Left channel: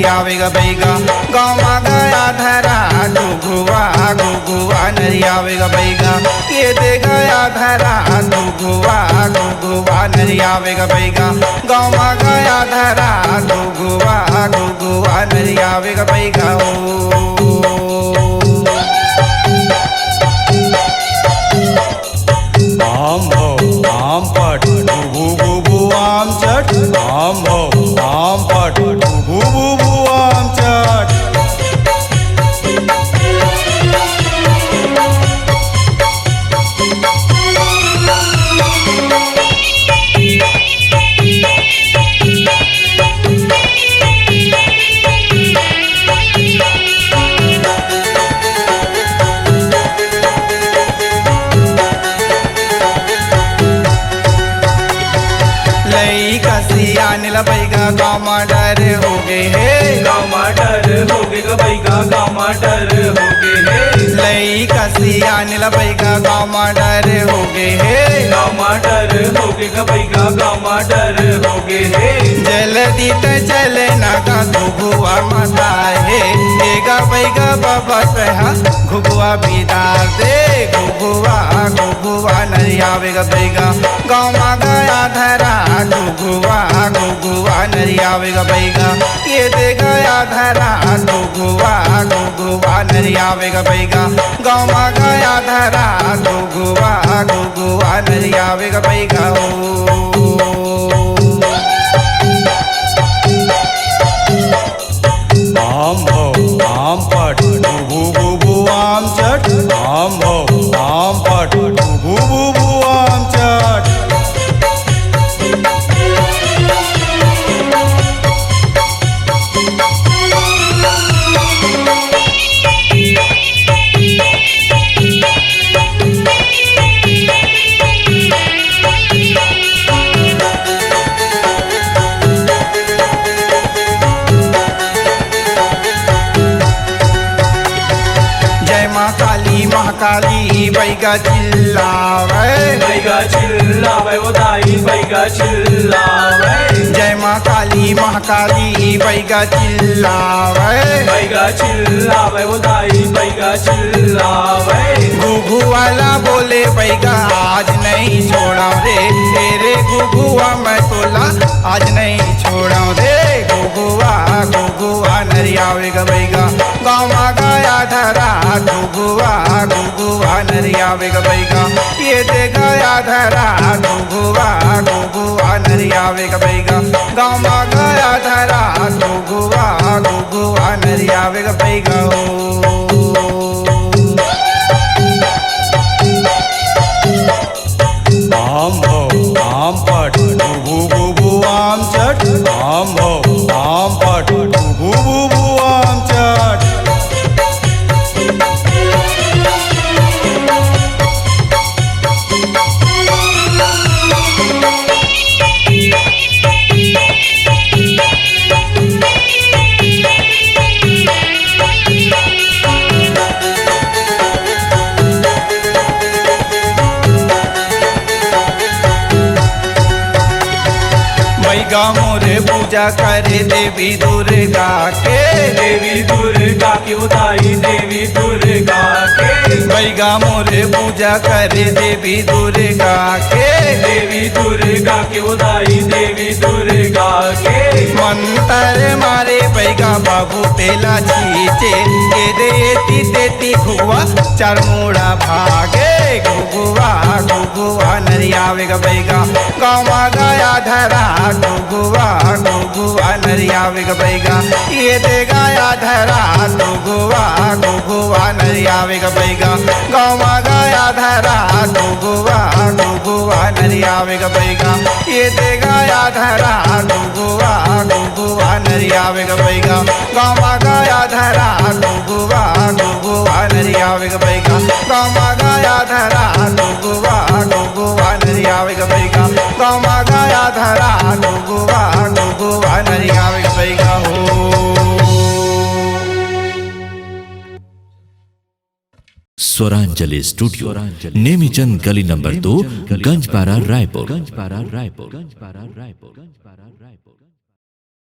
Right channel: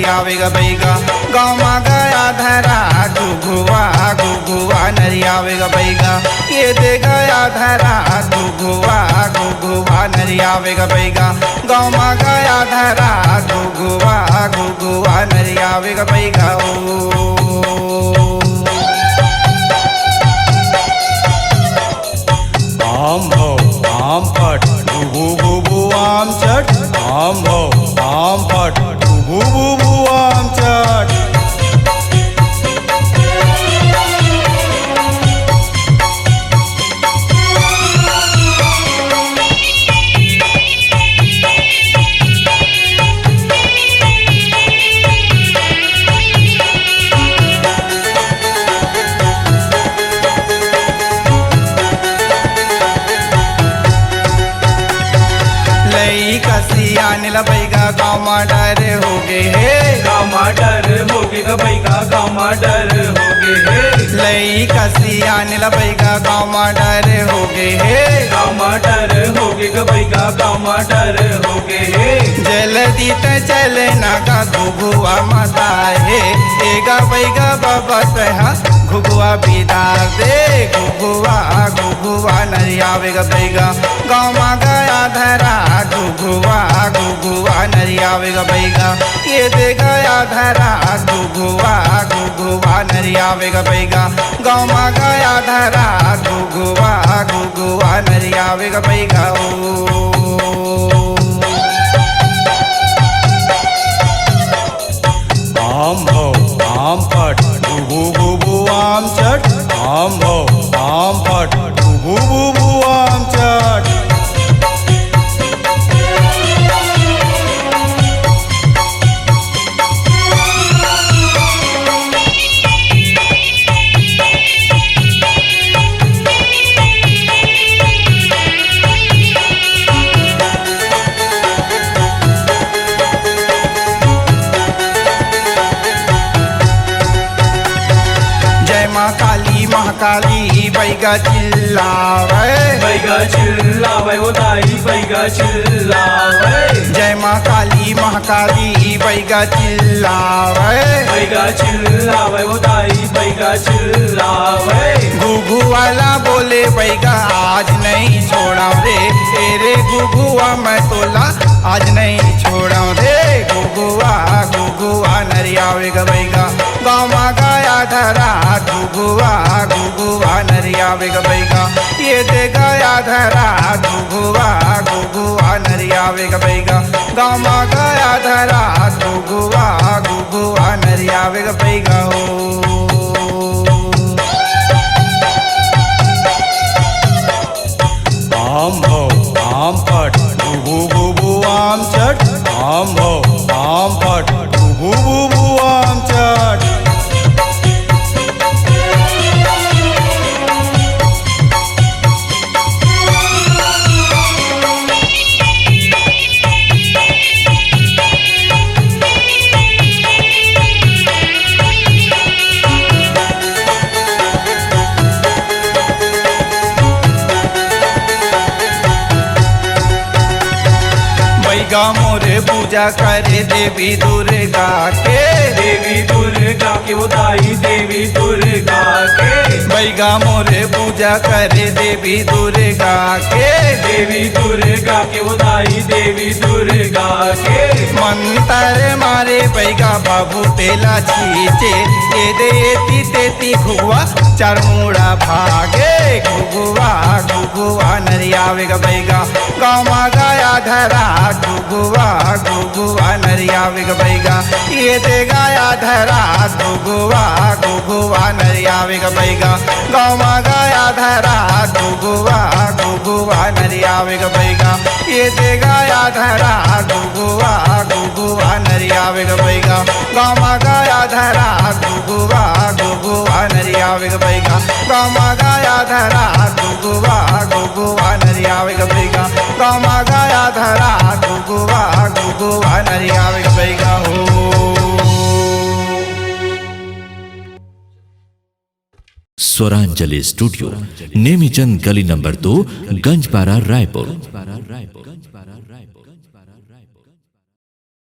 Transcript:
नरिया वेगा बैगा गाँव मा गया धरा घुघुआ घुघुआ नरिया वेगा बैगा ये दे गया धरा घुघुआ घुघुआ नरिया वेगा बैगा गाँव मा गया धरा घुघुआ घुघुआ नरिया वेगा बैगा आम भो आम फट भू भू भू आम चट आम भो आम फट भू भू भू आम चट लई कसिया नील बैगा गाँव मा डर हो गए हे गाँव मा डर हो गए बैगा गाँव मा डर हो गए लई कसिया नील बैगा गाँव मा डर हो गए हे गाँव मा डर हो गए बैगा गाँव मा डर हो गए जल्दी त चले नागा घुघुआ माता हे एगा बैगा बाबा तहा घुघुआ बिदार दे घुघुआ घुघुआ नरिया वेगा बैगा गाँव मा गया धरा घुघुआ घुघुआ नरिया वेगा बैगा ये दे गया धरा घुघुआ घुघुआ नरिया वेगा बैगा गाँव मा गया धरा घुघुआ घुघुआ नरिया वेगा बैगा आम भो आम फट भू भू भू आम चट आम भो आम फट भू भू भू आम चट जय माँ काली महाकाली बैगा चिल्लावे बैगा चिल्लावे वो दाई बैगा चिल्लावे जय माँ काली महाकाली बैगा चिल्लावे बैगा चिल्लावे वो दाई बैगा चिल्लावे घुघु वाला बोले बैगा आज नहीं छोड़ा रे तेरे घुघुआ मैं तोला आज नहीं छोड़ा रे घुघुआ घुघुआ नरिया वेगा बैगा गाँव मा गया धरा घुघुआ घुघुआ नरिया वेगा बैगा ये दे गया धरा घुघुआ घुघुआ नरिया वेगा बैगा गाँव मा गया धरा घुघुआ घुघुआ नरिया वेगा बैगा आम भो आम फट भू भू भू आम चट आम भो आम फट भू भू भू आम चट बैगा मोरे पूजा करे देवी दुर्गा के देवी दुर्गा के वो दाई देवी दुर्गा के बैगा मोरे पूजा करे देवी दुर्गा के देवी दुर्गा के वो दाई देवी दुर्गा के मंतर मारे बैगा बाबू तेला छीचे के देती तेती घुगुआ चार मुड़ा भागे घुगुआ घुगुआ नरिया वेगा बैगा गाँव मा गया धरा घुघुआ घुघुआ नरिया वेगा बैगा ये दे गया धरा घुघुआ घुघुआ नरिया वेगा बैगा गाँव मा गया धरा घुघुआ घुघुआ नरिया वेगा बैगा ये दे गया धरा घुघुआ घुघुआ नरिया वेगा बैगा गाँव मा गया धरा घुघुआ घुघुआ नरिया वेगा बैगा गाँव मा गया धरा घुघुआ घुघुआ नरिया वेगा बैगा गाँव मा गया धरा घुघुआ घुघुआ नरिया वेगा बैगा स्वरांजलि स्टूडियो नेमीचंद गली नंबर 2 गंजपारा रायपुर।